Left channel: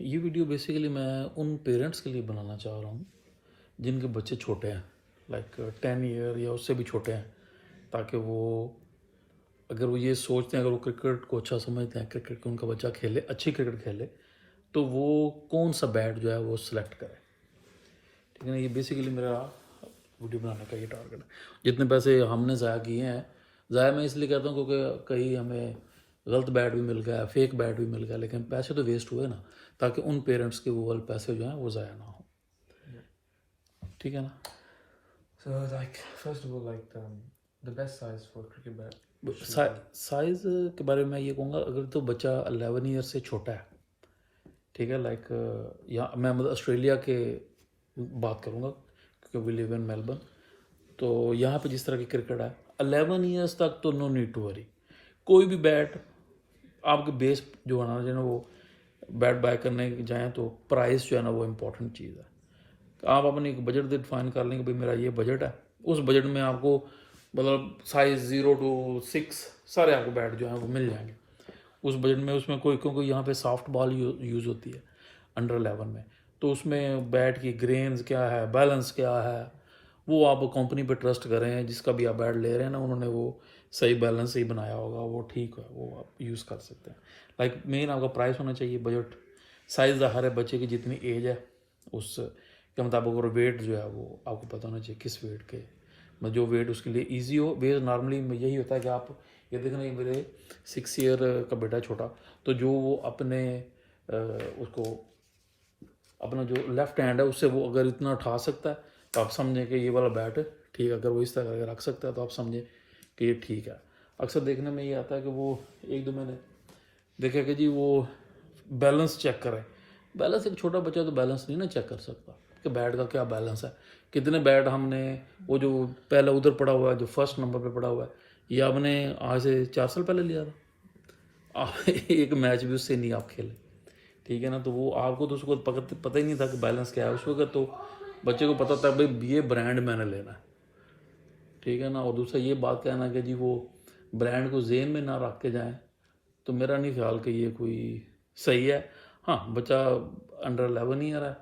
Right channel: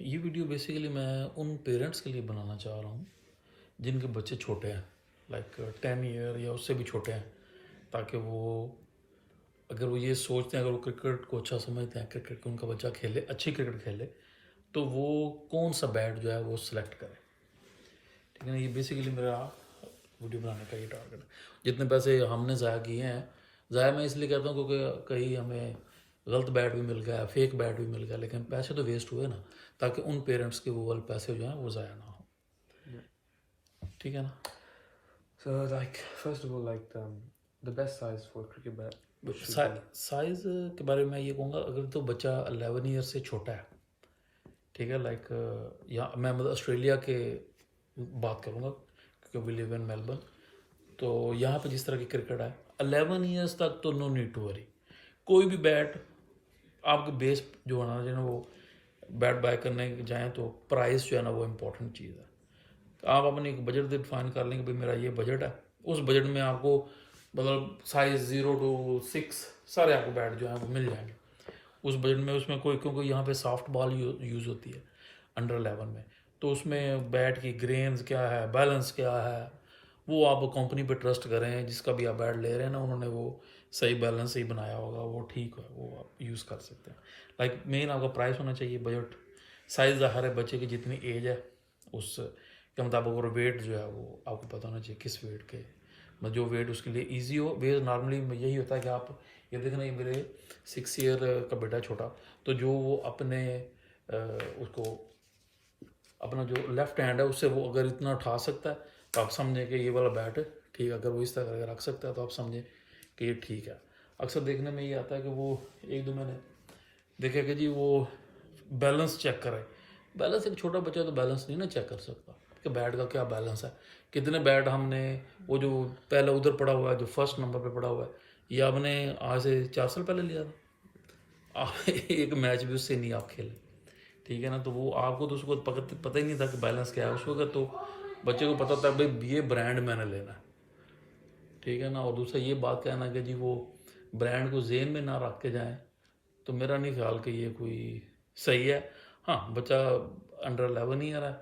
ये video basically मैं उन पेरेंट्स के लिए बनाना चाह रहा हूँ जिनके बच्चे छोटे हैं, लाइक 10 ईयर या उससे भी छोटे हैं, ताकि वो अगर वो ये सोचते हैं, अगर वो क्रिकेट को अच्छा समझते हैं, क्रिकेट उनका बच्चा खेले, अच्छी क्रिकेट खेले, तो वो कौन सा बैट जो है वो सिलेक्ट करे। ठीक है ना, ये बेसिकली मेरा वीडियो बनाने का ये टारगेट है। जितने पैसे हमने ज़ाया किए हैं, ज़ाया मैं इसलिए कहता हूँ क्योंकि कहीं हमें गलत बैट भी मिल गया, फेक बैट भी मिल गया, लेकिन पैसे तो वेस्ट हुए ना, ताकि उन पेरेंट्स के वो वाले पैसे जो हैं वो ज़ाया ना हो। ठीक है ना। So, like, first of all, like, the best size for cricket bat should be. Size के बारे में मैं ये कहूँगा, अगर तो बच्चा 11 ईयर से छोटा है, ठीक है, लाइक यहाँ मैं मतलब ऑस्ट्रेलिया के बात करूँगा क्योंकि वी लिव इन मेलबर्न, तो यहाँ पे जिस तरह की क्रिकेट है 11 ईयर्स तक तो नो नीड टू वरी। कोई भी बैट आपके बेस जो बनाना चाहिए ना, वो बैट बाय करने जाएँ तो प्राइस जो है ना वो इम्पोर्टेंट चीज़ है। आप अपनी एक बजट डिफाइन कर लें कि भाई मेरा ये बजट है, उस बजट में आपको मतलब साइज़ 0 to 6 सारे आपको बैट जो हैं वो मिल जाएंगे उस बजट में। उसमें कोई क्योंकि यहाँ पे सॉफ्ट बॉल यूज़ होती है अंडर 11 में, तो उसमें बैट की ग्रेन्स क्या है, बैलेंस क्या है, वो आप कंपनी पे ट्रस्ट करें, जिसका भी आप बैट ले रहे हैं ना, उन्होंने वो सही बैलेंस ही बनाया होगा, वो ठीक है, वो आप यूज़ कर सकते हैं। लाइक मेन आपका प्राइस होना चाहिए, बजट, साइज़ हर बच्चे की जितनी एज है उस के मुताबिक, और वेट जो है वो आपको पता होना चाहिए किस वेट के, मतलब जो वेट उसके लिए इजी हो। वेट नॉर्मली यही होता है कि आप ये देखना, ये मेरे 6 ईयर का बेटा छोटा, तो जो वो अपने उसको अपना जो लेफ्ट हैंड है उससे वो अगर इतना उठा सकता है तो आप समझें कि ये वाला बैट है ठीक है। अगर वो इस तरह अगर रख सकता है तो आप समझें कि ये ठीक है। अक्सर देखने में ये आता है कि वो एक दो मैंने देखा कि जी वो बैलेंस चेक करें। बैलेंस एक छोटा बच्चा तो बैलेंस नहीं ना चेक कर सकता कि बैट का क्या बैलेंस है, कितने बैट हमने वो जो पहले उधर पड़ा हुआ है, जो फर्स्ट नंबर पे पड़ा हुआ है, ये आपने आज से 4 साल पहले लिया था। एक मैच भी उससे नहीं आप खेले, ठीक है ना। तो वो आपको तो उसको पता ही नहीं था कि बैलेंस क्या है उस वक्त, तो बच्चे को पता था भाई ये ब्रांड मैंने लेना है, ठीक है ना। और दूसरा ये बात कहना कि जी वो ब्रांड को जेन में ना रख के जाएं, तो मेरा नहीं ख्याल कि ये कोई सही है। हाँ, बच्चा अंडर 11 ईयर है,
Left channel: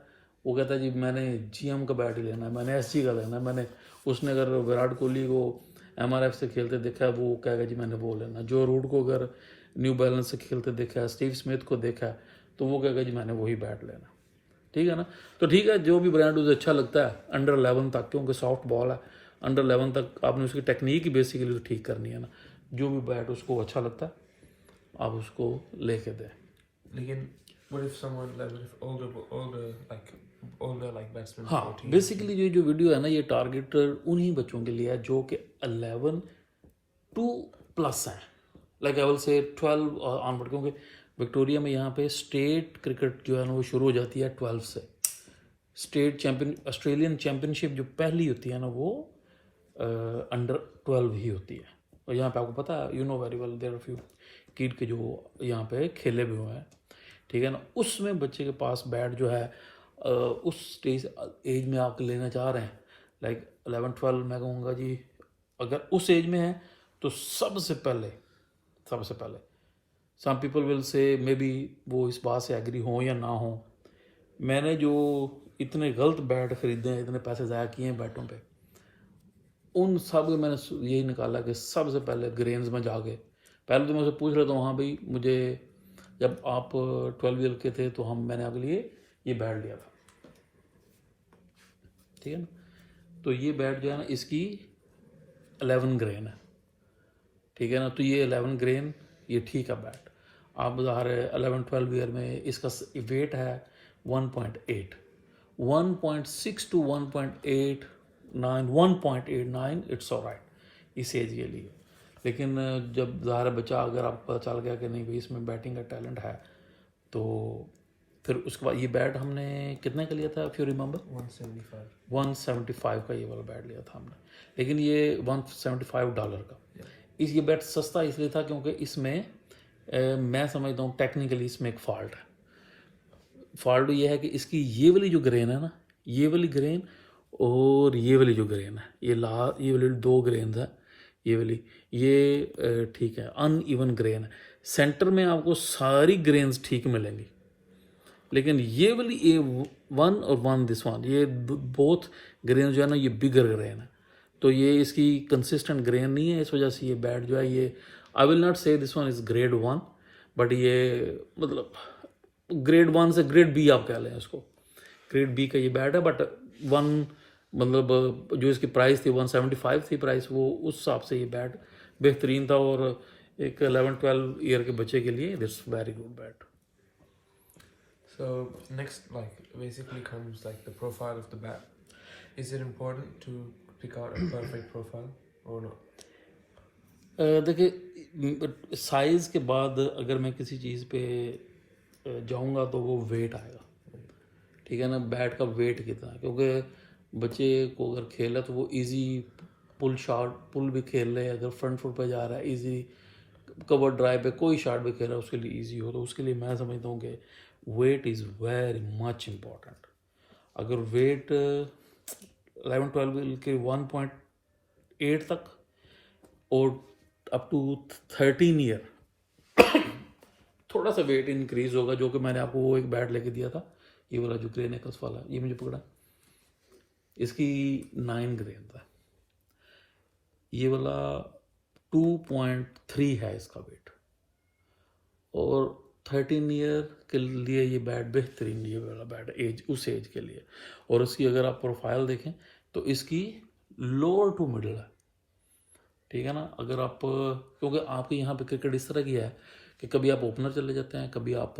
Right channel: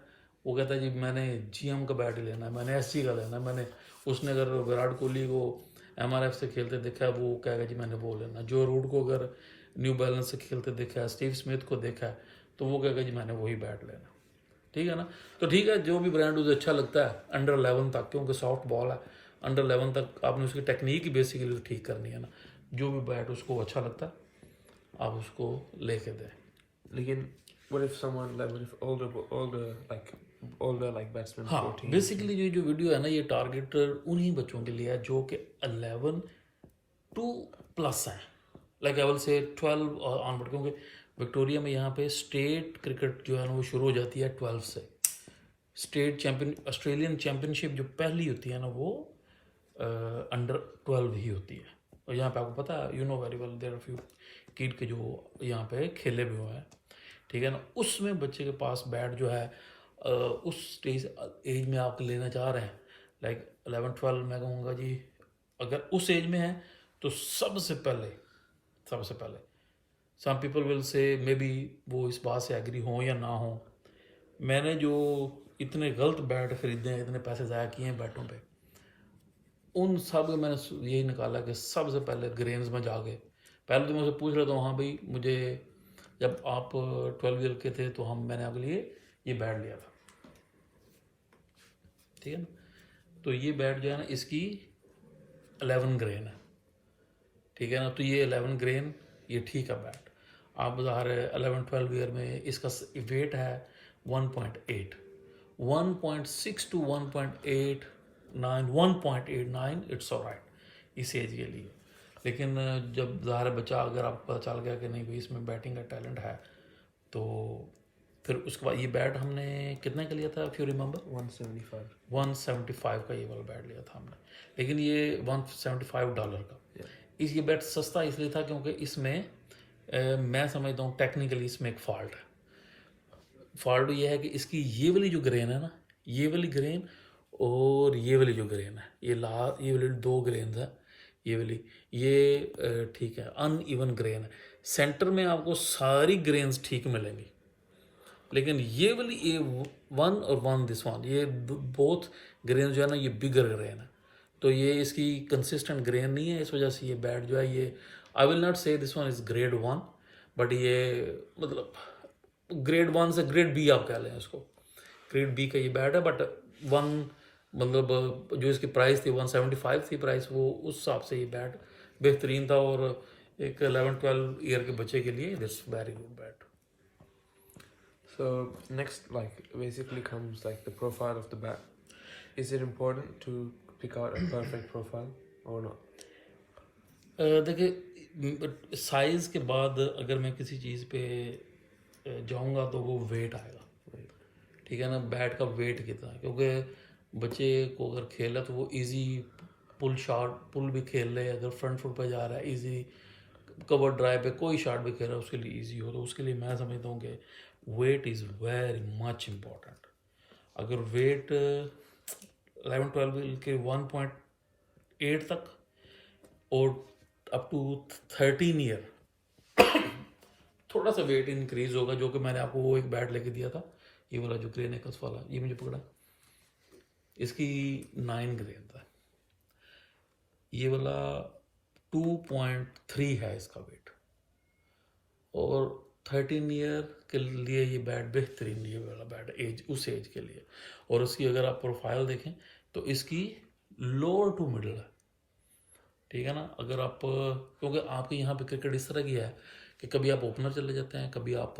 वो कहता है जी मैंने GM का बैट लेना है, मैंने SG का लेना है, मैंने उसने अगर विराट कोहली को MRF से खेलते देखा है वो कहेगा जी मैंने वो लेना है। जो रूट को अगर न्यू बैलेंस से खेलते देखा है, स्टीव स्मिथ को देखा है, तो वो कहेगा जी मैंने वही बैट लेना। ठीक है ना। तो ठीक है, जो भी ब्रांड उसे अच्छा लगता है अंडर 11 तक, क्योंकि सॉफ्ट बॉल है, अंडर 11 तक आपने उसकी टेक्निक ही बेसिकली ठीक करनी है ना। जो भी बैट उसको अच्छा लगता है आप उसको लेके दें। लेकिन what if someone like older like batsmen, हाँ, 14? बेसिकली ये जो वीडियो है ना, ये टारगेट उन्हीं बच्चों के लिए है जो कि 11 टू प्लस हैं, like I will say 12 onward, क्योंकि विक्टोरिया में यहाँ पे स्टेट क्रिकेट जो है ना वो शुरू हो जाती है 12 से। स्टेट चैम्पियन ऑस्ट्रेलियन चैम्पियनशिप जो पहली होती है ना वो अंडर 12 ही होती है। और यहाँ पे आपको पता है, you know very well, there are few kid के जो यहाँ पे खेले भी हुए हैं, ठीक है ना। उसमें बच्चे के पास बैट जो है उस स्टेज एज में आप लेना चाह रहे हैं, लाइक 11-12, मैं कहूँगा जी अगर उस एज में है तो सबसे पहले some people will say may be वो इस बात से एग्री हो या ना हो, मैंने जो इतने गलत बैट खरीदे हैं, इतने पैसे ज़ाया किए हैं बैटों पे, उन सब मैंने यही निकाला कि सबसे पहले ग्रेन्स में जाके पहले तो मुझसे पूछ रहे थे, हाँ भाई मुझे जब आप 12 ईयर के थे तो मैंने आपके लिए ये बैट लिया था, ठीक है ना। तो ये बैट जो है ना इसकी 11 ग्रेन है, ठीक है ना। तो ये 11 ग्रेन ये ठीक है बैट। आप बता रहे 11-12 ईयर में इसका वेट है 1.8, 1.6 to 1.89, 1.89, इट्स ऑलराइट इस एज के लिए। लेकिन जब ज़ाहिर बच्चा अगर आपको पता चल गया कि नहीं भाई इसमें बैटिंग का टैलेंट है, तो फिर उसके बाद ये बैट हमने कितने का लिया था, इफ यू रिमेंबर? 175 का ये वाला बैट लिया था हमने, लेकिन ये $175 का। इस ये बैट सस्ता इसलिए था क्योंकि इसमें मैं समझता हूँ टेक्निकली इसमें एक फॉल्ट ये है कि इसकी ये वाली जो ग्रेन है ना, ये वाली ग्रेन और ये वाली जो ग्रेन है, ये वाली 2 ग्रेन है, ये वाली ये ठीक है, अनइवन ग्रेन है। सेंटर में आपको सारी ग्रेन्स ठीक मिलेंगी, लेकिन ये वाली A1 और 1 दिस वन, ये बोथ ग्रेन जो है ना ये बिगर ग्रेन है, तो ये इसकी कंसिस्टेंट ग्रेन नहीं है, इस वजह से ये बैट जो है ये आई विल नॉट से this one is grade 1, but ये मतलब ग्रेड 1 से ग्रेड B आप कह लें उसको, ग्रेड B का ये बैट है, बट 1 मतलब जो इसकी प्राइस थी 175 थी प्राइस, वो उस हिसाब से ये बैट बेहतरीन था, और एक 11-12 ईयर के बच्चे के लिए this very good bat. So next, like basically comes like the profile of the bat. Is it important to pick out a perfect profile or not? देखिए साइज के बाद अगर मैं किसी चीज़ पे जाऊंगा तो वो वेट आएगा, ठीक है ना, बैट का वेट कितना है, क्योंकि बच्चे को अगर खेला तो वो इजी पुल शॉट पुल भी खेल रहे, अगर फ्रंट फुट पे जा रहा है इजी, कवर ड्राइव पे कोई शॉट भी खेल रहा है उसके लिए इजी हो, तो उसके लिए मैं समझता हूँ कि weight is very much important. अगर वेट 11-12 के 1.8 तक और अप टू 13 ईयर थोड़ा सा वेट इंक्रीज होगा, जो कि मैंने आपको वो एक बैट लेके दिया था, ये वाला जो ग्रे नेकल्स वाला, ये मुझे पकड़ा, इसकी 9 ग्रेन था, ये वाला 2.3 है इसका वेट, और 13 ईयर के लिए ये बैट बेहतरीन, ये वाला बैट एज उस एज के लिए. और उसकी अगर आप प्रोफाइल देखें तो इसकी लोअर टू मिडल है, ठीक है ना. अगर आप क्योंकि आपके यहाँ पे क्रिकेट इस तरह की है कि कभी आप ओपनर चले जाते हैं, कभी आप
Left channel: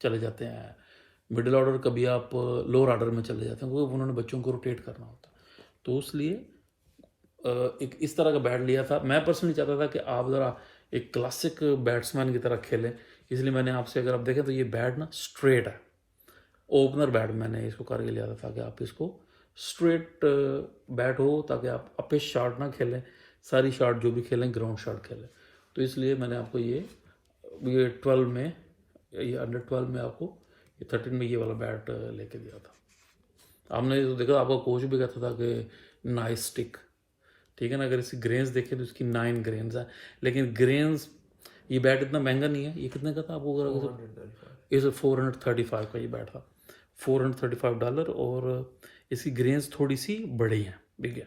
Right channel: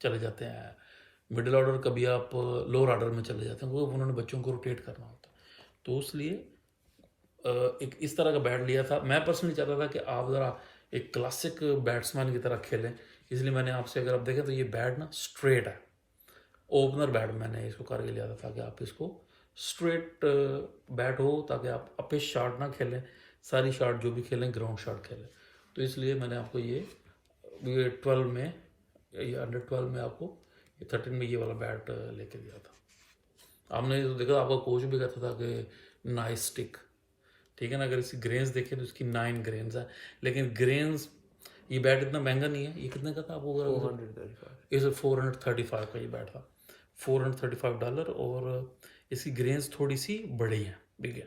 चले जाते हैं मिडिल ऑर्डर, कभी आप लोअर ऑर्डर में चले जाते हैं, क्योंकि उन्होंने बच्चों को रोटेट करना होता है, तो इसलिए एक इस तरह का बैट लिया था. मैं पर्सनली चाहता था कि आप ज़रा एक क्लासिक बैट्समैन की तरह खेलें, इसलिए मैंने आपसे, अगर आप देखें तो ये बैट ना स्ट्रेट है, ओपनर बैट मैंने इसको करके लिया था ताकि आप इसको स्ट्रेट बैट हो, ताकि आप अपे शॉट ना खेलें, सारी शॉट जो भी खेलें ग्राउंड शॉट खेलें. तो इसलिए मैंने आपको ये 12 में, ये अंडर 12 में आपको, ये 13 में ये वाला बैट लेके दिया था. आपने तो देखा, आपका कोच भी कहता था कि नाइस स्टिक, ठीक है ना. अगर इसकी ग्रेन्स देखें तो इसकी 9 ग्रेन्स है, लेकिन ग्रेन्स ये बैट इतना महंगा नहीं है. ये कितने का था आपको? इस 435 का ये बैट था, $435, और इसकी ग्रेन्स थोड़ी सी बड़ी है, ठीक है,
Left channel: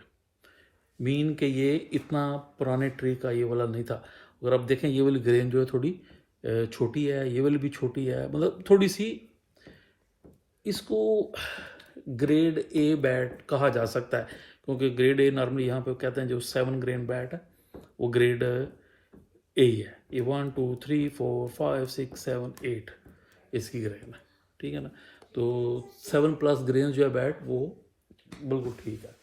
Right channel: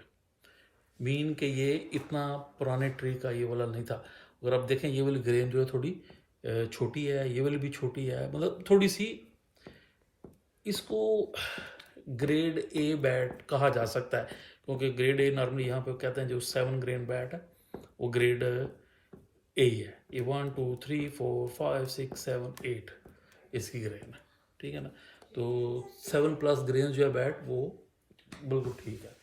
मीन कि ये इतना पुराने ट्री का ये वाला नहीं था. अगर आप देखें ये वाली ग्रेन जो है थोड़ी छोटी है, ये वाली भी छोटी है, मतलब थोड़ी सी, इसको ग्रेड ए बैट कहा जा सकता है, क्योंकि ग्रेड ए नॉर्मली यहाँ पे कहते हैं जो 7 ग्रेन बैट है वो ग्रेड ए है. ये 1 2 3 4 5 6 7 8 इसकी ग्रेन है, ठीक है ना. तो 7+ ग्रेन जो है बैट वो बिल्कुल ठीक है,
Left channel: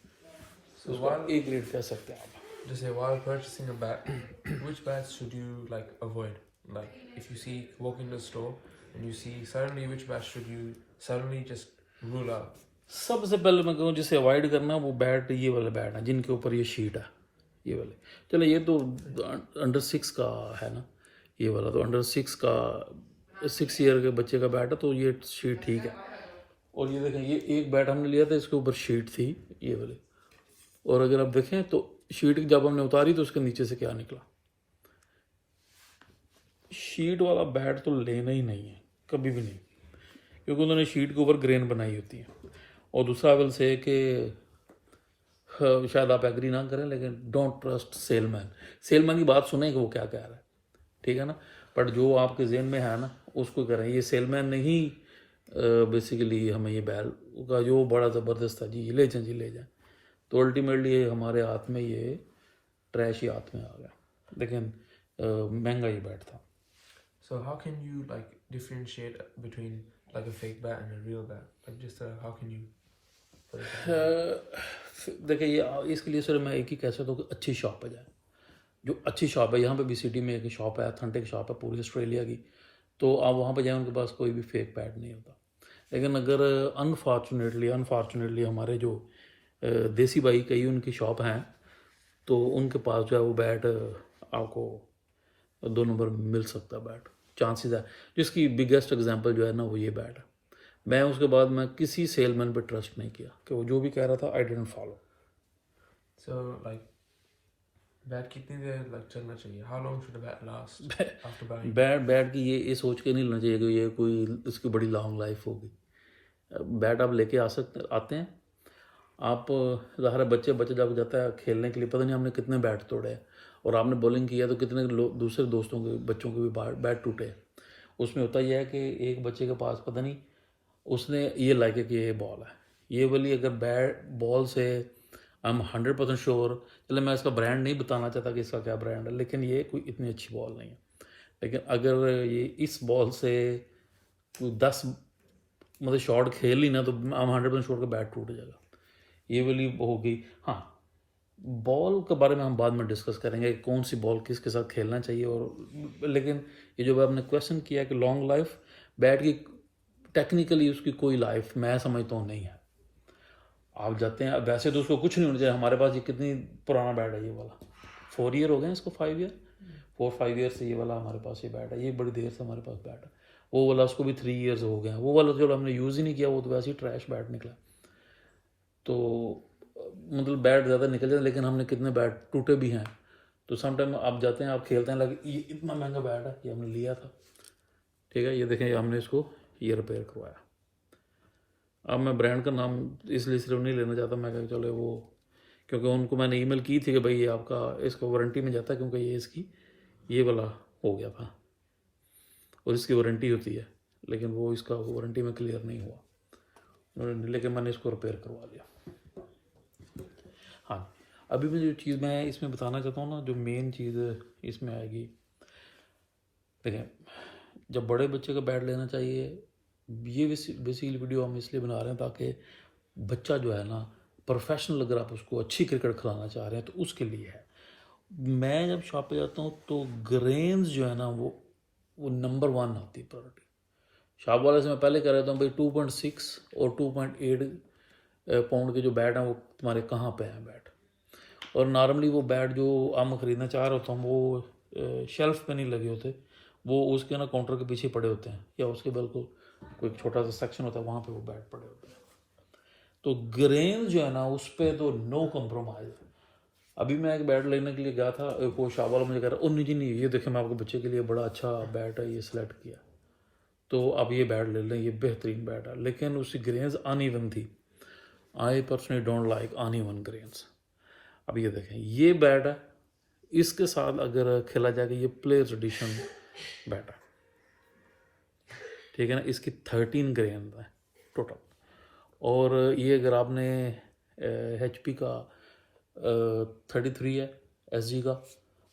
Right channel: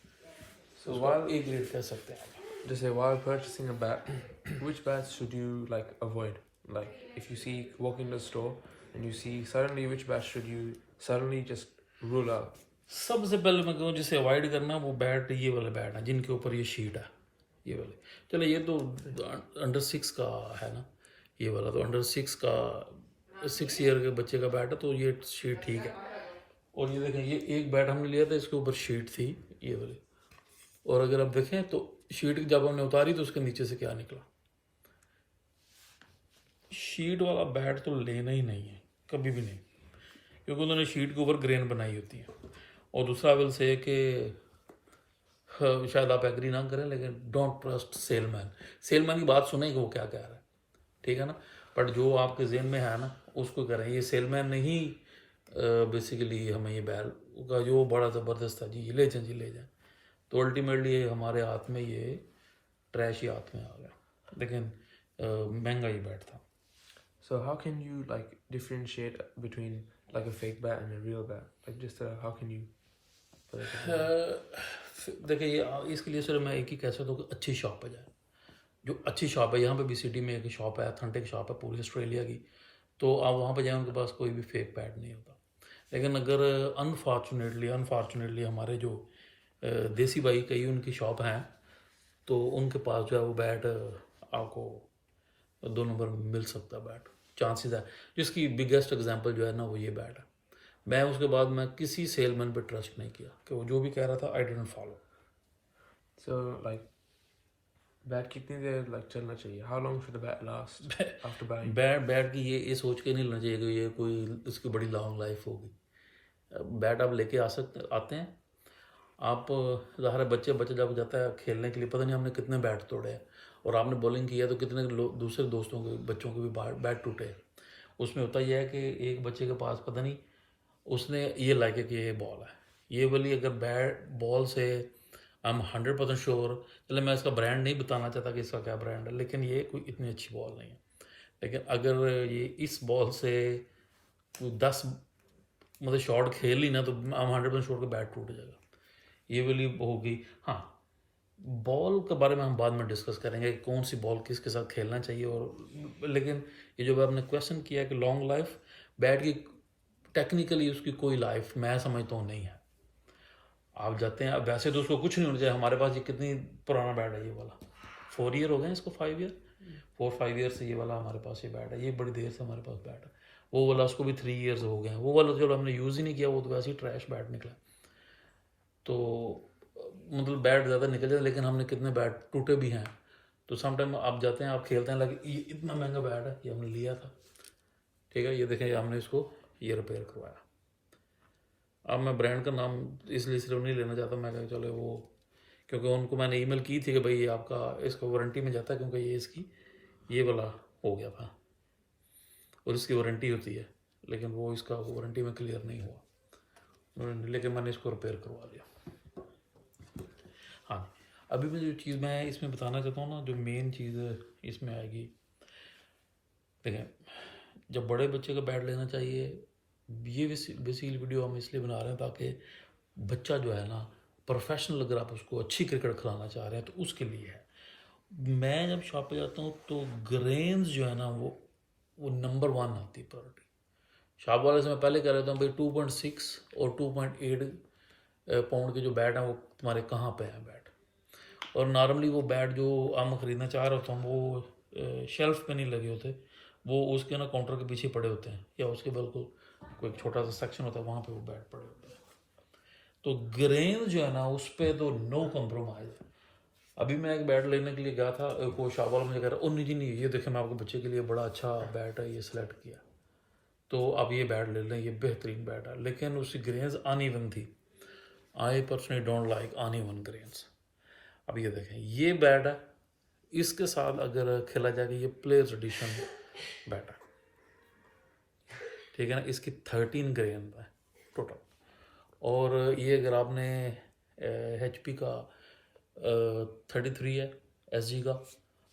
So while A grade कह सकते हैं आप. just say while purchasing a bat, which bats should you like avoid? Like if you see walk in the store and you see suddenly, which bat should you suddenly just rule out? सबसे पहले मैं कहूँ जिसे avoid करना, वो bat ये वाला bat है जिनके ऊपर ये शीट है, ये वाले. चलो ये तो अंडर 6 का है ना, ये वाला तो अंडर 6 का 6 ईयर के बच्चे का बैट है, तो ये शीट ठीक है. और ये देखें, ये एक बैट हमने लिया था, इसके ऊपर शीट थी ये वाली, और अगर आप देखें तो शीट जब हमने उतारी तो उसके नीचे से क्या निकला. शीट वाला बैट तो लेना ही नहीं है कभी भी नहीं, क्योंकि उन्होंने शीट के ऊपर ग्रेन बनाई होती है. और दूसरा विल से कि शायद आप एग्री ना करें, लेकिन डोंट ट्रस्ट सेलमैन. सेलमैन की बात सुने कि वो क्या कह रहा है, ठीक है ना, बट जो आपके जेहन में है ना उसको करें. ये सेलमैन ने ही बेसिकली हमें ये बैल का जो बड़ा ज़बरदस्त था जी, ले जाएं जी ले जाएं, तो अल्टीमेटली हमारे हाथ में ये ट्रैश ही हाथ में आ गया, लेकिन महंगा ही बैट था. So how can you like differentiate between like a fake bat and a real bat? Like just how can you put it down? देखिए ये इसके लिए सर मैं एक ही कह सकता हूँ कि अच्छी शॉप पे जाए, जो अच्छी शॉप है. यहाँ पे भी सिटी में एक शॉप है, अथेंटिक शॉप है पूरी ऑस्ट्रेलिया की, तो आप वहाँ पे जाएँ, उनके पास कोई भी फेक बैट नहीं होता. लेकिन अगर अनफॉर्चुनेटली हमारे जो देसी भाई कई उनकी शॉप हैं, तो उनके पास जो है वो बैट आपको 2 नंबर में मिल सकता है बैट, चांसेस है. जिसकी बिगेस्ट एग्जांपल जो है ना वो ये बैट है. मैं उसके बाद मैं किसी सेलमैन पे ट्रस्ट नहीं किया, कि वो जो भी कह रहा था I didn't follow. So like bat कितनी देर लग चलना चाहिए? How long should a bat last after buying? Bat की ये सोच के नहीं लेना चाहिए कि ये कोई इसकी बड़ी लॉन्ग लाइफ होगी। बैट आप लेके आते हैं आप, ज़ाहिर है बच्चे जब जाता है खेलने के लिए, पता नहीं हमने कितने बैट तोड़े हैं, और आपने बॉलिंग किया तो कितने दूसरे दोस्तों के बच्चों के भी बैट टूटे। उसमें होता यह है कि एक बच्चे के पास पता नहीं उसने ये लाके कि ये बॉल है, ये वाली अगर बैट बॉल से आई एम 100% श्योर, चले मैं इसका ब्रांड नहीं बताना चाहता कि इसका क्या ब्रांड है, लेकिन ये कोई इतनी अच्छी बॉल नहीं है। लेकिन अगर ये इस बॉल से कोई 10 मतलब शॉट खेल ही ना तो आई एम 100% श्योर का बैट टूट जाएगा। ये वाली हो गई। हाँ, बॉल के बारे में हम बाद में डिस्कस करेंगे कौन सी बॉल किसके साथ खेलना चाहिए, और लेकिन ये जो आपने क्वेश्चन किया कि लॉन्ग लाइफ बैट की, टेक्निकली उसकी कोई लाइफ मैं समझता हूँ नहीं है। आप जाते हैं वैसे तो उसको कुछ नहीं होना चाहिए। हमारे पास ये कितनी पुराना बैट है, ये वाला 4 ईयर हो गए इसको, 5 ईयर 4-5 ईयर से ये वाला हमारे पास ये बैट है, ये बड़ी देर से हमारे पास बैट है। वो वाला उसको भी 3 ईयर्स हो गए हैं, वो वाला जो हमने यूज़ ही नहीं किया वो तो वैसे ही ट्रैश बैट निकला। तो मतलब बैट ज़्यादा निकल जाते, लेकिन हमने कितने बैट टूटे भी हैं। तो समटाइम आप जाते हैं, आप खेलते हैं, लगे ये इतना महंगा बैट है, ये हमने लिया था, ठीक है, ये देखें हमने इसको ये रिपेयर करवाया। अब मैं ब्रांड का नाम इसलिए सिर्फ नहीं लेना चाहता, मैं कहा चलो वो, क्योंकि उनको मैंने ईमेल की थी कि भाई ये आपका इसको वारंटी में जाता है, क्योंकि ये इसकी ये वाला हो गया था और इसकी वारंटी होती है, लेकिन वो इसका वारंटी में क्लियर नहीं हुआ, लेकिन मैंने इसको रिपेयर करवा लिया। हाँ, अभी भी जो चीज़ मैं इसमें बताना चाहता हूँ ना, जो मेन चीज़ इसमें आएगी, देखें जब बड़े बच्चे का बैट लेना चाहिए, ये बेसिकली वीडियो हम इसलिए बना रहे हैं ताकि बच्चा जो है ना प्रोफेशनल, अगर आप उसको अच्छी क्रिकेट खिलाना चाह रहे हैं तो उसके लिए है। मैं जब शॉप पे जाता हूँ तो ग्रेन्स जो है ना वो नंबर 1 आती है प्रायोरिटी। शॉप वाले से मैं पहले कह रहा था भाई 2.6 और 2.8 पाउंड के जो बैट हैं वो तुम्हारे कहाँ पे हैं बैट, और नॉर्मली वो बैट जो हम ख़रीदना चाह रहे होते हैं वो शेल्फ पे नहीं लगे होते, वो उसके ना काउंटर के पीछे पड़े होते हैं, या उसके बिल्कुल कोई छोटा सा सेक्शन होता है वहाँ पे वो बैट पड़े होते हैं। तो ग्रेन जो है ना उस पर तो नो कम्प्रोमाइज़। अभी मैं एक बैट लेने के लिए गया था, वो शाह वाला मुझे कह रहा है, नहीं ये देखें मैं आपके बच्चे के लिए बड़ा अच्छा बैट है, ये सिलेक्ट किया, तो अब ये बैट ले लें, ये बेहतरीन बैट है, लेकिन उसकी ग्रेन्स अनइवन थी। I personally don't like uneven grains. अब ये देखें ये बैट है, इसके साथ अगर खेला जाएगा ये प्लेयर्स एडिशन बैट है, ठीक है ना, इसकी 13 ग्रेन है टोटल। और ये अगर आपने HP का 33 है SG का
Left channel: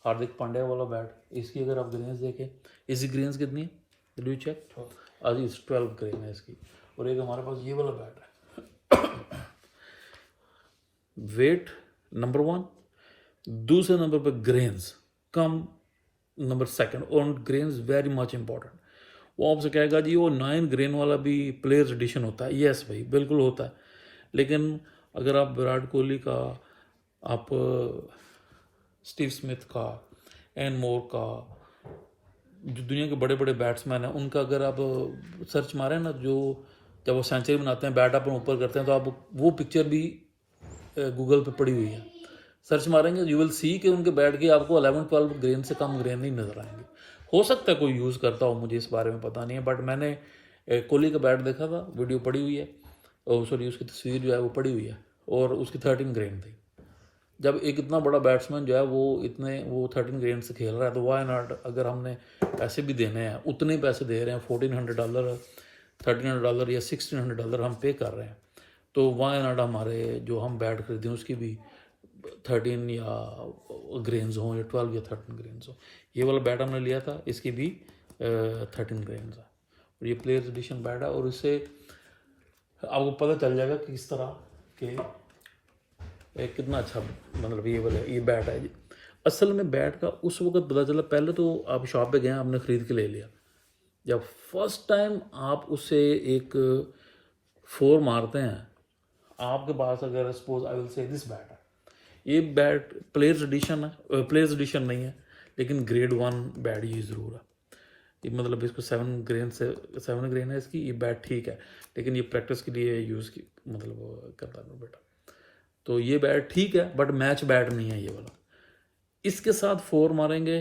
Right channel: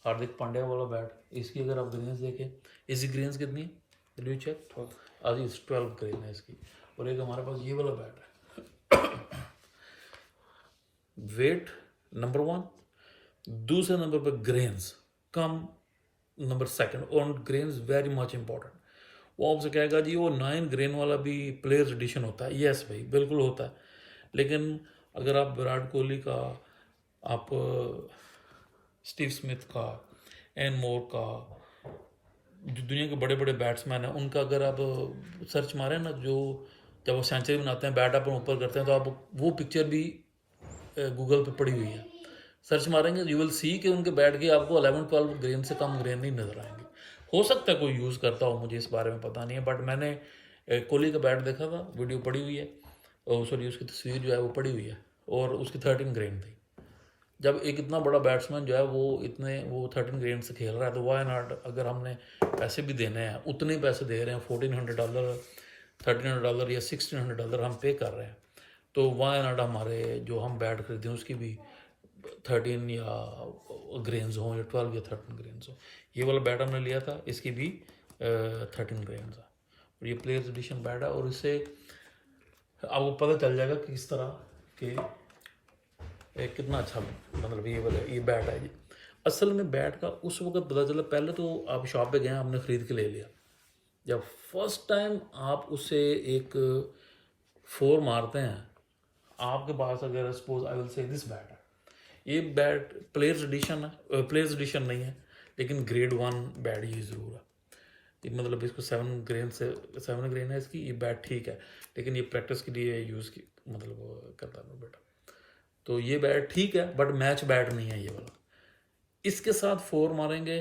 हार्दिक पांड्या वाला बैट, इसकी अगर आप ग्रेन्स देखें, इसकी ग्रेन्स कितनी है, डू चेक, अभी 12 ग्रेन है इसकी। और एक हमारे पास ये वाला बैट है, वेट नंबर 1, दूसरे नंबर पर ग्रेन्स कम नंबर 2, और ग्रेन्स वेरी मच इंपॉर्टेंट। वो आपसे कहेगा जी वो 9 ग्रेन वाला भी प्लेयर्स एडिशन होता है, यस भाई बिल्कुल होता है, लेकिन अगर आप विराट कोहली का, आप स्टीव स्मिथ का, एन मोर का, जो दुनिया के बड़े बड़े बैट्समैन हैं उनका अगर आप सर्च मारें ना, जो जब वो सेंचुरी बनाते हैं बैट आप ऊपर करते हैं, तो आप वो पिक्चर भी गूगल पे पड़ी हुई है, सर्च मारेंगे यू विल सी कि उनके बैट के आपको 11-12 ग्रेन से कम ग्रेन नहीं नज़र आएंगे। हो सकता है कोई यूज़ करता हो, मुझे इस बारे में पता नहीं है, बट मैंने कोहली का बैट देखा था, वीडियो पड़ी हुई है, और सॉरी उसकी तस्वीर जो है वो पड़ी हुई है, और उसकी 13 ग्रेन थी। जब एक इतना बड़ा बैट्समैन जो है वो 13 ग्रेन से खेल रहा है, तो वाई नॉट, अगर हमने पैसे भी देने हैं, उतने पैसे दे रहे हैं, $1,400 $1,300 या $1,600 हम पे कर रहे हैं, तो वाई नॉट हमारे जो हम बैट खरीदें उसकी भी 13 या ग्रेन्स हों, या 12 या 13 ग्रेन्स हों। ये वाला बैट हमने लिया था, इसकी भी 13 ग्रेन्स है, और ये प्लेयर्स एडिशन बैट है, और इससे आपको पता चल जाएगा कि इस तरह के कितना अच्छा मतलब ये बैट है जी। असल में बैट का उस वक्त पता चला, पहले तो आप शॉप पे गए, आपने ख़रीद के ले लिया, जब फर्स्ट टाइम आप उससे एक 4 मारते हैं, आपके पास अगर suppose I will say this bat है, ये बैट प्लेयर्स एडिशन नहीं है, लेकिन ग्रेड 1 बैट ये ज़रूर है, ये मतलब इसको 7 ग्रेन है इसकी, ये बैट ठीक है, लेकिन ये प्रैक्टिस के लिए यूज़ की मतलब करता है बेटा, तो ये बैट ठीक है, बट मैच बैट नहीं है ये वाला। इसके साथ 4 मारेंगे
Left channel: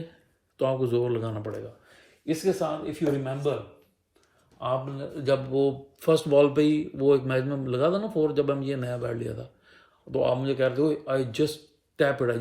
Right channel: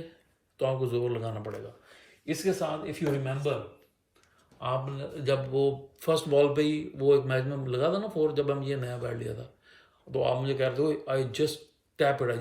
तो आपको जोर लगाना पड़ेगा। इसके साथ इफ़ यू रिमेंबर, आप जब वो फर्स्ट बॉल पे ही वो एक मैच में लगा था ना 4, जब हम ये नया बैट लिया था, तो आप मुझे कह रहे थे I just tap it, I